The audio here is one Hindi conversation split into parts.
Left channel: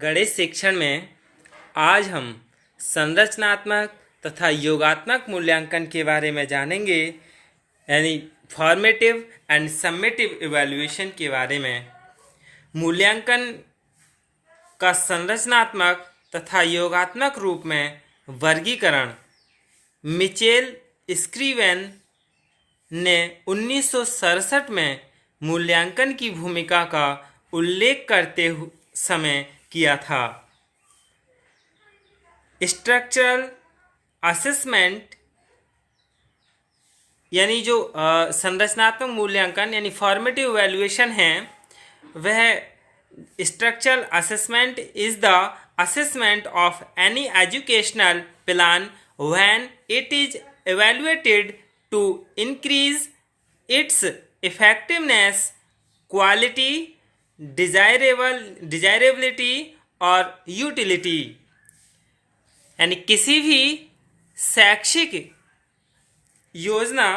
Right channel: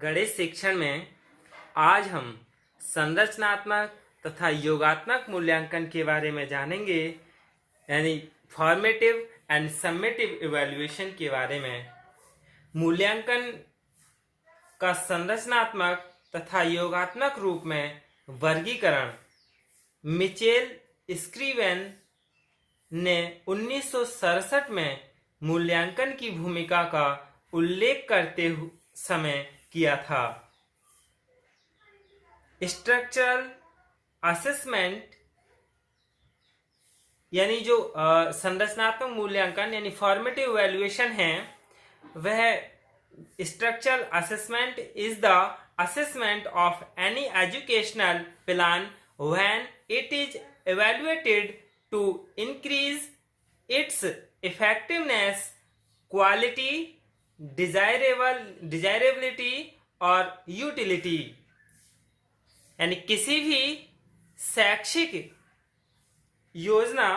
गणित शिक्षण में आज हम संरचनात्मक तथा योगात्मक मूल्यांकन के बारे में जानेंगे, यानी फॉर्मेटिव एंड सम्मेटिव इवैल्यूएशन के बारे में। मूल्यांकन का संरचनात्मक तथा योगात्मक रूप में वर्गीकरण मिचेल स्क्रीवेन ने 1967 में मूल्यांकन की भूमिका का उल्लेख करते समय किया था। स्ट्रक्चरल असेसमेंट यानी जो संरचनात्मक मूल्यांकन यानी फॉर्मेटिव इवैल्यूएशन है, वह structural assessment is the assessment of any educational plan when it is evaluated to increase its effectiveness, quality, desirability और utility। यानी किसी भी शैक्षिक योजना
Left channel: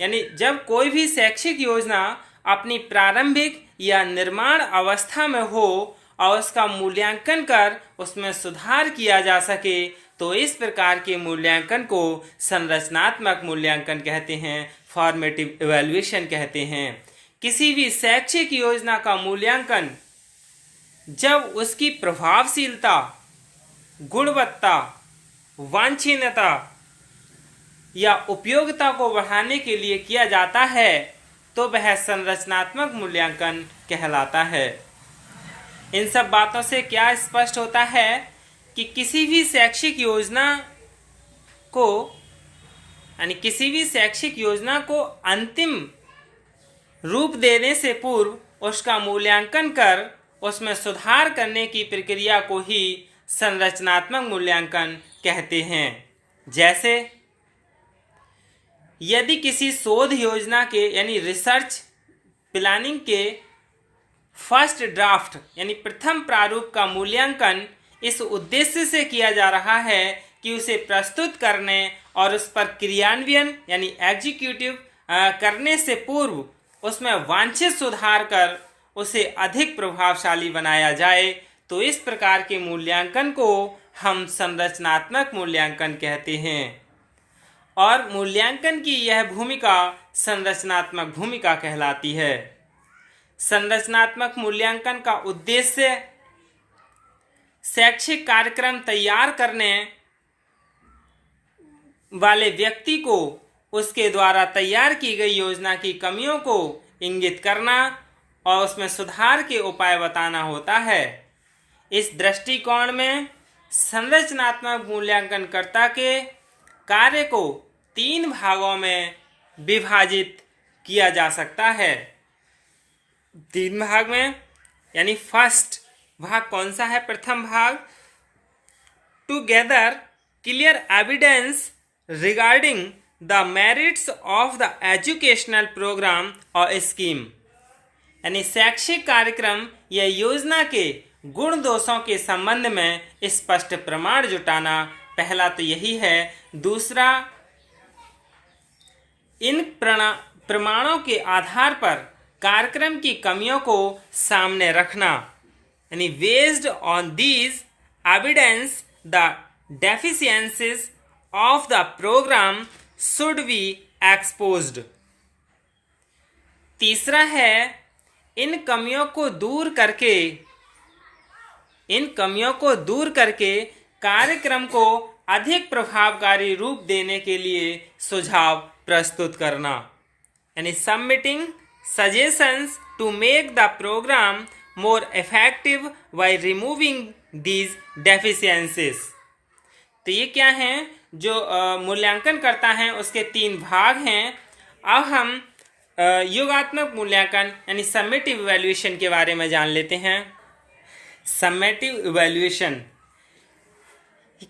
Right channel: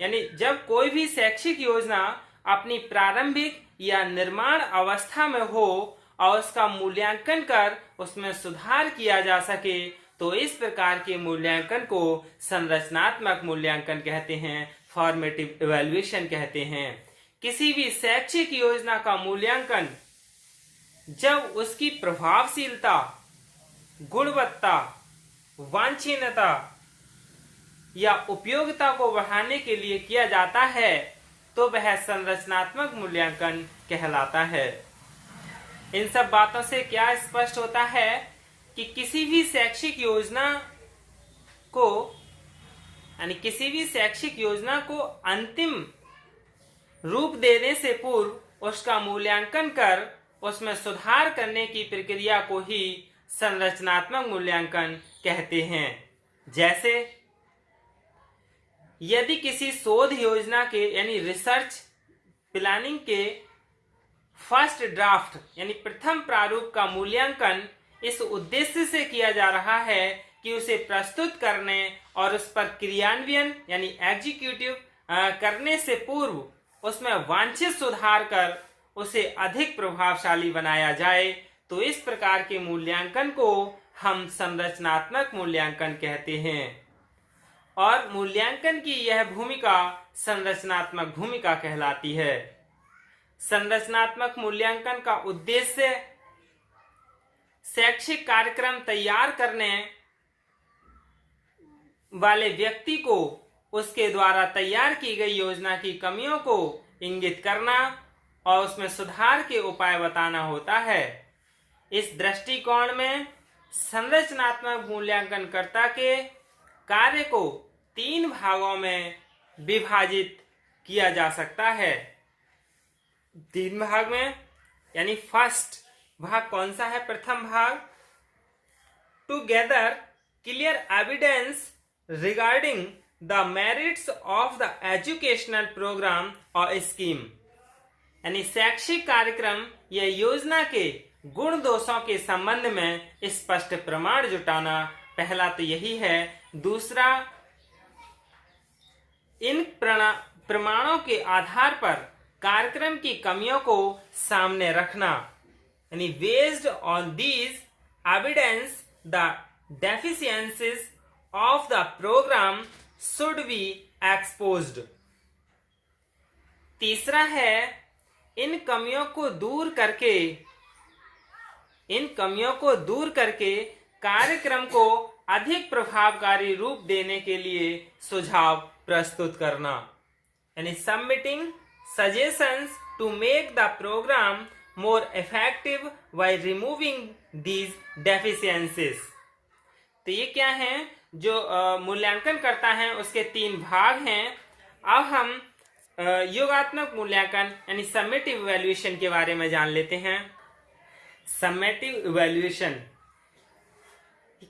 यानी जब कोई भी शैक्षिक योजना अपनी प्रारंभिक या निर्माण अवस्था में हो और उसका मूल्यांकन कर उसमें सुधार किया जा सके, तो इस प्रकार के मूल्यांकन को संरचनात्मक मूल्यांकन कहते हैं, फॉर्मेटिव इवैल्यूएशन कहते हैं। किसी भी शैक्षिक योजना का मूल्यांकन जब उसकी प्रभावशीलता, गुणवत्ता, वांछनीयता या उपयोगिता को बढ़ाने के लिए किया जाता है, तो वह संरचनात्मक मूल्यांकन कहलाता है। इन सब बातों से क्या स्पष्ट होता है कि किसी भी शैक्षिक योजना को अंतिम रूप देने से पूर्व उसका मूल्यांकन कर उसमें सुधार करने की प्रक्रिया को ही संरचनात्मक मूल्यांकन कहते हैं। जैसे यदि किसी शोध योजना के यानी रिसर्च प्लानिंग के फर्स्ट ड्राफ्ट यानी प्रथम प्रारूप का मूल्यांकन इस उद्देश्य से किया जा रहा है कि उसे प्रस्तुत करने और उस पर क्रियान्वयन यानी एग्जीक्यूटिव करने से पूर्व उसमें वांछित सुधार कर उसे अधिक प्रभावशाली बनाया जाए, तो इस प्रकार के मूल्यांकन को हम संरचनात्मक मूल्यांकन कहते हैं। और मूल्यांकन की यह भूमिका संरचनात्मक भूमिका कहलाती है। संरचनात्मक मूल्यांकन का उद्देश्य शैक्षिक कार्यक्रम तैयार करने वाले व्यक्ति को उसके द्वारा तैयार की गई योजना की कमियों को इंगित करना और उसमें सुधार के उपाय बताना होता है। इस दृष्टिकोण में संरचनात्मक मूल्यांकनकर्ता के कार्य को 3 भागों में विभाजित किया जा सकता है। 3 भाग में, यानी फर्स्ट भाग कौन सा है? प्रथम भाग, to gather clear evidence regarding the merits of the educational programme और स्कीम, यानी शैक्षिक कार्यक्रम या योजना के गुण दोषों के संबंध में स्पष्ट प्रमाण जुटाना। पहला तो यही है। दूसरा, इन प्रमाणों के आधार पर कार्यक्रम की कमियों को सामने रखना, यानी based on these evidence the deficiencies of the programme should be exposed. तीसरा है, इन कमियों को दूर करके कार्यक्रम को अधिक प्रभावकारी रूप देने के लिए सुझाव प्रस्तुत करना, यानी submitting suggestions to make the program more effective by removing these deficiencies। तो ये क्या हैं? जो मूल्यांकन करता है उसके 3 भाग हैं। अब हम योगात्मक मूल्यांकन यानी सम्मेटिव इवैल्यूएशन के बारे में जान लेते हैं। सम्मेटिव इवैल्यूएशन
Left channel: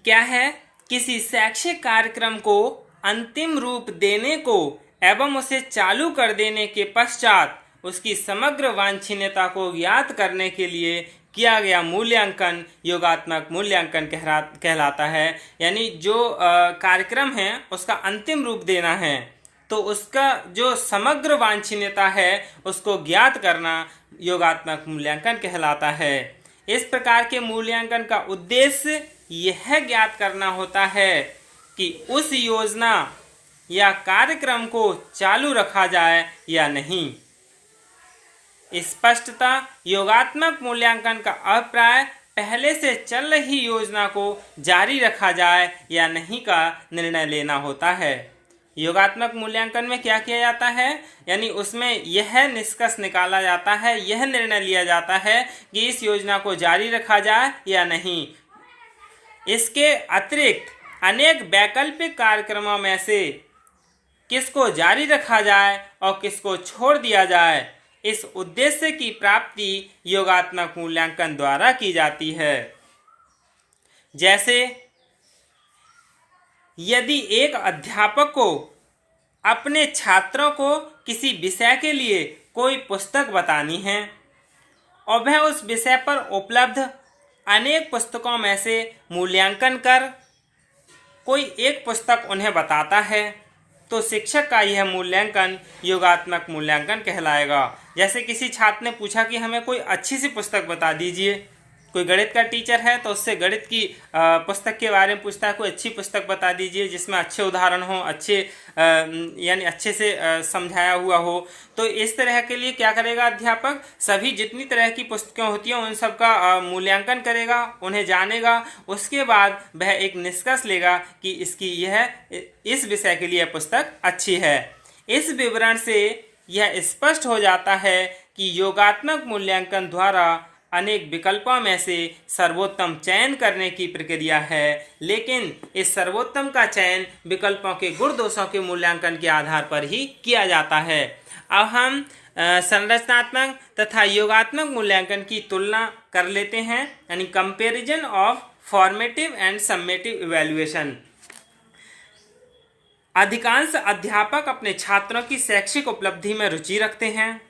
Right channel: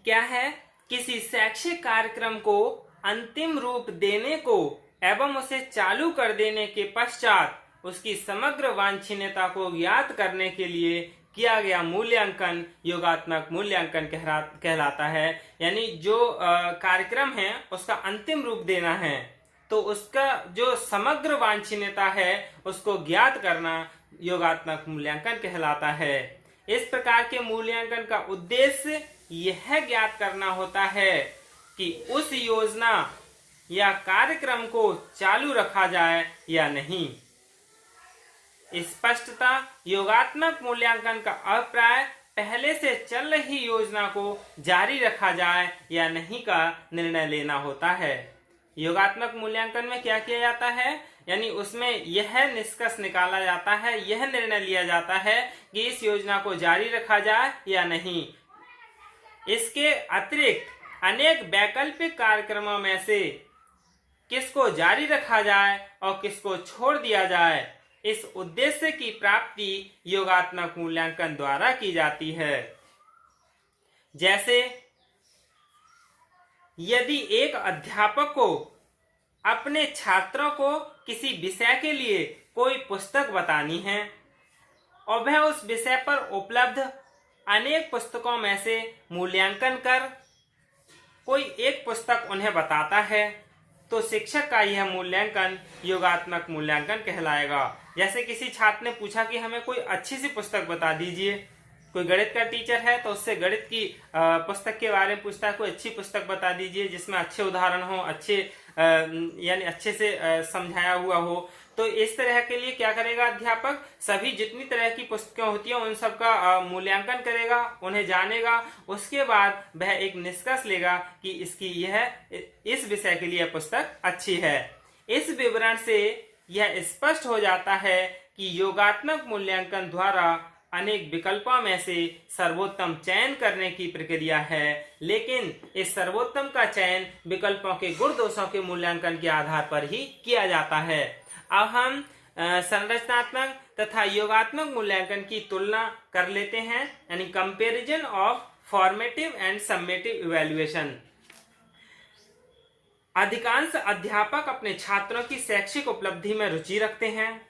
क्या है? किसी शैक्षिक कार्यक्रम को अंतिम रूप देने को एवं उसे चालू कर देने के पश्चात उसकी समग्र वांछनीयता को ज्ञात करने के लिए किया गया मूल्यांकन योगात्मक मूल्यांकन कहलाता है। यानी जो कार्यक्रम है उसका अंतिम रूप देना है, तो उसका जो समग्र वांछनीयता है उसको ज्ञात करना योगात्मक मूल्यांकन कहलाता है। इस प्रकार के मूल्यांकन का उद्देश्य यह ज्ञात करना होता है कि उस योजना या कार्यक्रम को चालू रखा जाए या नहीं। स्पष्टता योगात्मक मूल्यांकन का अभिप्राय पहले से चल रही योजना को जारी रखा जाए या नहीं का निर्णय लेना होता है। योगात्मक मूल्यांकन में क्या किया जाता है, यानी उसमें यह निष्कर्ष निकाला जाता है, यह निर्णय लिया जाता है कि इस योजना को जारी रखा जाए या नहीं। इसके अतिरिक्त अनेक वैकल्पिक कार्यक्रमों में से किसको जारी रखा जाए और किसको छोड़ दिया जाए, इस उद्देश्य की प्राप्ति योगात्मक मूल्यांकन द्वारा की जाती है। जैसे यदि एक अध्यापक को अपने छात्रों को किसी विषय के लिए कोई पुस्तक बतानी है और वह उस विषय पर उपलब्ध अनेक पुस्तकों में से मूल्यांकन कर कोई एक पुस्तक उन्हें बताता है, तो शिक्षक का यह मूल्यांकन योगात्मक मूल्यांकन कहलाएगा। जैसे किसी छात्र ने पूछा कि हमें कोई अच्छी सी पुस्तक बता दीजिए, कोई गणित का टीचर है तो उससे गणित की पुस्तक के बारे में पूछता है, कोई अच्छी पुस्तक बता दीजिए जिसमें अच्छे उदाहरण हो, अच्छे यानी अच्छे से समझाया हुआ हो। तो इस तरह के लिए क्या करेगा अध्यापक, सभी जितनी तरह की पुस्तकें होती हैं उन सब का मूल्यांकन करेगा, उन्हें जानेगा, उसके बाद वह एक निष्कर्ष लेगा कि इसकी इस विषय के लिए पुस्तक अच्छी है। इस विवरण से यह स्पष्ट हो जाता है कि योगात्मक मूल्यांकन द्वारा अनेक विकल्पों में से सर्वोत्तम चयन करने की प्रक्रिया है, लेकिन इस सर्वोत्तम का चयन विकल्पों के गुण दोषों के मूल्यांकन के आधार पर ही किया जाता है। अब हम संरचनात्मक तथा योगात्मक मूल्यांकन की तुलना कर लेते हैं, यानी comparison of formative and summative evaluation. अधिकांश अध्यापक अपने छात्रों की शैक्षिक उपलब्धि में रुचि रखते हैं,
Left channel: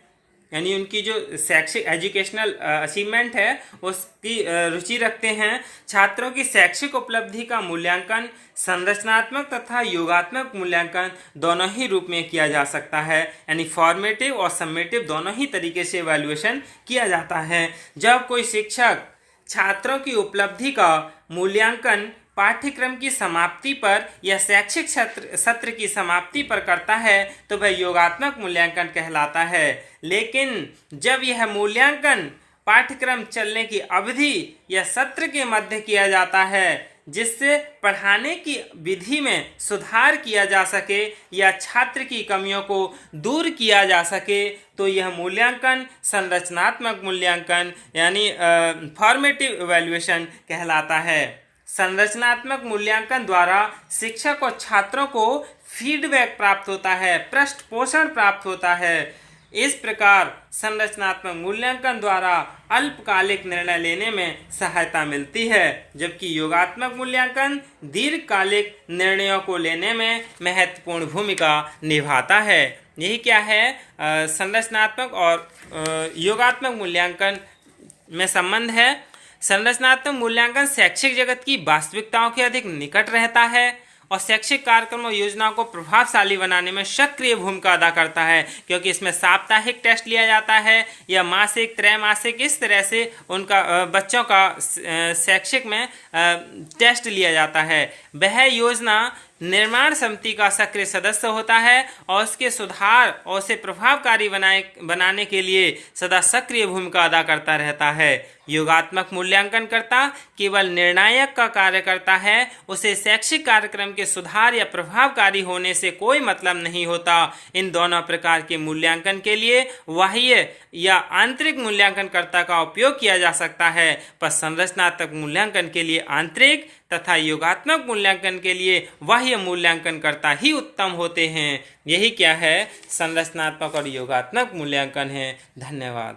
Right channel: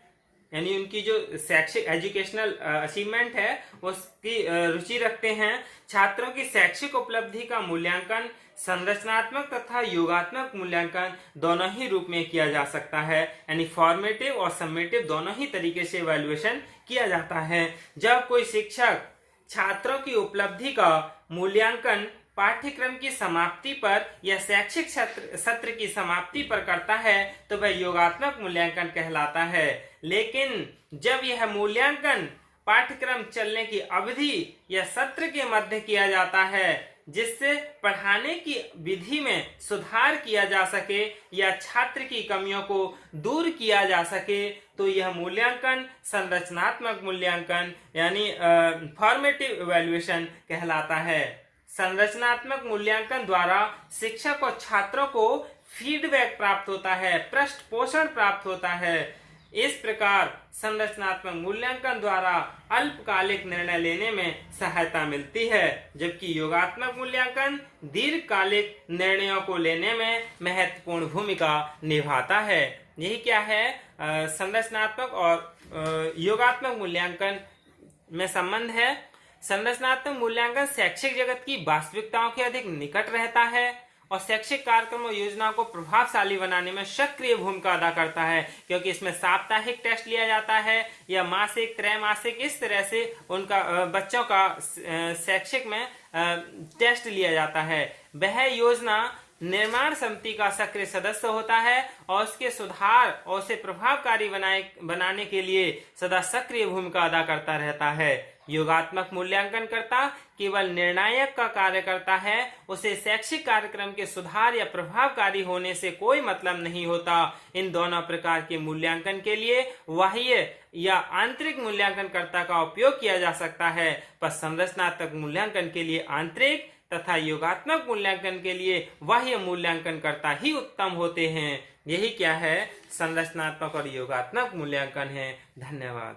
यानी उनकी जो शैक्षिक एजुकेशनल अचीवमेंट है उसकी रुचि रखते हैं। छात्रों की शैक्षिक उपलब्धि का मूल्यांकन संरचनात्मक तथा योगात्मक मूल्यांकन दोनों ही रूप में किया जा सकता है, यानी फॉर्मेटिव और समेटिव दोनों ही तरीके से इवैल्यूएशन किया जाता है। जब कोई शिक्षक छात्रों की उपलब्धि का मूल्यांकन पाठ्यक्रम की समाप्ति पर या शैक्षिक सत्र की समाप्ति पर करता है तो वह योगात्मक मूल्यांकन कहलाता है। लेकिन जब यह मूल्यांकन पाठ्यक्रम चलने की अवधि या सत्र के मध्य किया जाता है, जिससे पढ़ाने की विधि में सुधार किया जा सके या छात्र की कमियों को दूर किया जा सके, तो यह मूल्यांकन संरचनात्मक मूल्यांकन यानी फॉर्मेटिव इवैल्यूएशन कहलाता है। संरचनात्मक मूल्यांकन द्वारा शिक्षक और छात्रों को फीडबैक प्राप्त होता है, पृष्ठ पोषण प्राप्त होता है। इस प्रकार संरचनात्मक मूल्यांकन द्वारा अल्पकालिक निर्णय लेने में सहायता मिलती है, जबकि योगात्मक मूल्यांकन दीर्घकालिक निर्णयों को लेने में महत्वपूर्ण भूमिका निभाता है। यही क्या है संरचनात्मक और योगात्मक मूल्यांकन में संबंध है। संरचनात्मक मूल्यांकन शैक्षिक जगत की वास्तविकताओं के अधिक निकट रहता है और शैक्षिक कार्यक्रम और योजनाओं को प्रभावशाली बनाने में सक्रिय भूमिका अदा करता है, क्योंकि इसमें साप्ताहिक टेस्ट लिया जाता है या मासिक, त्रैमासिक, इस तरह से उनका बच्चों का शैक्षिक में टेस्ट लिया जाता है। वह योजना निर्माण समिति का सक्रिय सदस्य होता है और उसके सुधार और उसे प्रभावकारी बनाने के लिए सदा सक्रिय भूमिका अदा करता रहता है। योगात्मक मूल्यांकनकर्ता केवल निर्णायक का कार्य करता है, उसे शैक्षिक कार्यक्रम के सुधार या प्रभावकारी होने से कोई मतलब नहीं होता। इन दोनों प्रकार के मूल्यांकन के लिए बाह्य या आंतरिक मूल्यांकनकर्ता का उपयोग किया जा सकता है, पर संरचनात्मक मूल्यांकन के लिए आंतरिक तथा योगात्मक मूल्यांकन के लिए बाह्य मूल्यांकनकर्ता ही उत्तम होते हैं। यही क्या है संरचनात्मक और योगात्मक मूल्यांकन है। धन्यवाद।